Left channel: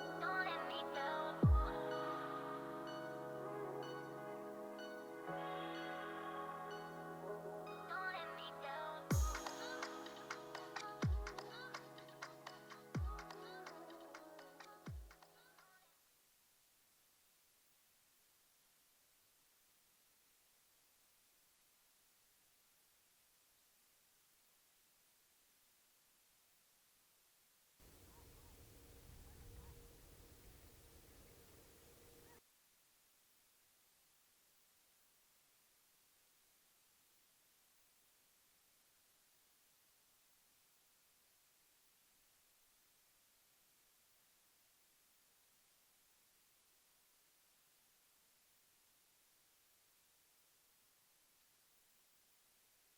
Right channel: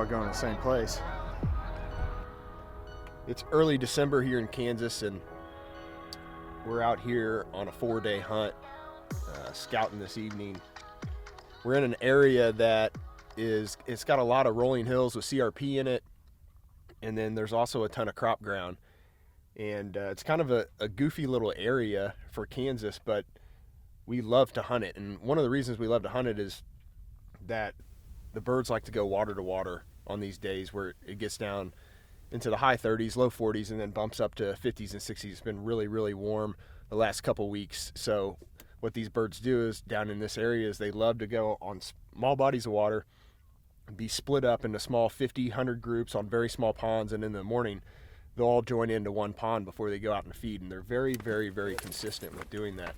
all going to the same place. It's early December here in Kansas, and we're out here on a 4-day hunt, scouting this evening. We're in an area that it's got a lot of rolling hills with CRP in it, and then there's also a ton of crop ground. And it's kind of a goofy little area for Kansas, but we love to hunt it. And one of the reasons we love to hunt it is that the birds like to go water to water on these days where it gets down into the high 30s, low 40s, and then bumps up to 50s and 60s. It's been really, really warm the last couple weeks. So what these birds do is down in this area is they love to go on small bodies of water, be split up into small 50, 100 groups on very small ponds, and in the morning they'll all join into one pond before they go out and feed, and they're very, very, very consistent with doing that.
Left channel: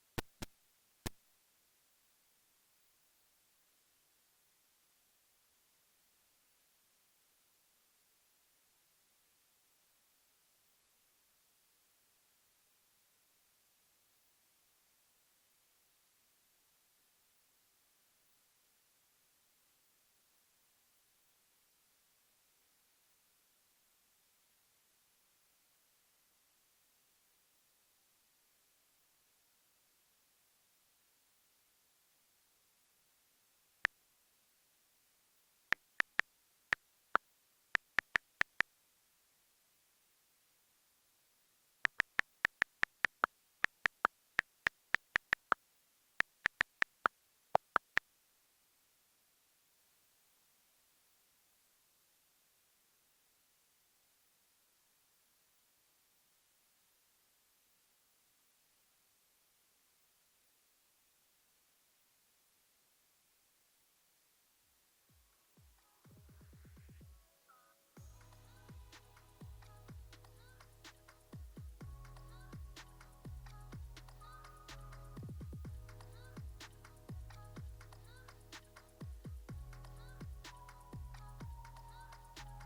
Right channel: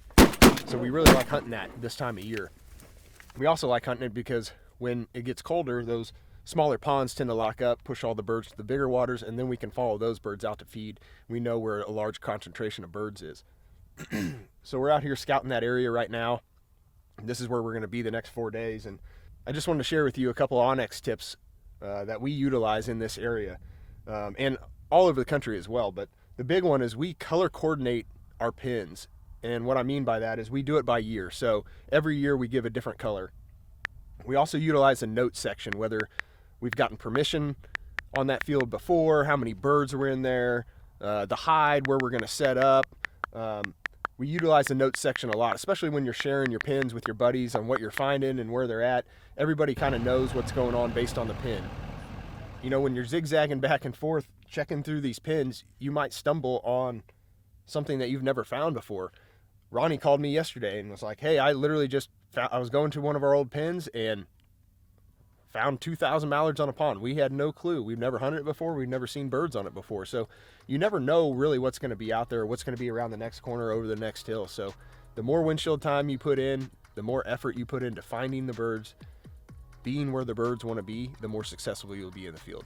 So we really like hunting that this time of year. We also like hunting it because when it gets colder, those smaller ponds tend to lock up, push all the birds to the bigger waters, and then we can follow those birds out to feed. We know where a large concentration of birds is. So we're out here scouting that area right now. This is where we're going to be the next 4 days, and I just wanted to share with you a couple Onx tips that we utilize in this area, and all over the country as well. But the big one is we color coordinate our pins, and what I mean by that is we do it by year. So every year we give a different color. We also utilize a note section, whether we've gotten permission on that field before, how many birds were in there, the hide, where we're going to set up. We utilize the note section a lot, especially when you're sharing your pins with your buddies on what you're finding and where they're at. Everybody kind of knows what's going on based on the pin. You know, when you're zigzagging back and forth, checking through these pins, you might stumble on something that you've never found before. Ronnie called me yesterday and was like, hey, I literally just I was going to one of our old pins and found 2,000 mallards on a pond. We had no clue. We've never hunted it before. We've never seen birds on it before. So you never know really what's going to be out there, what's going to be around the next corner, over the next hill. So the more windshield time you put in, the more effort you put into finding the birds, being where the birds want to be, the more successful you'll be in the field.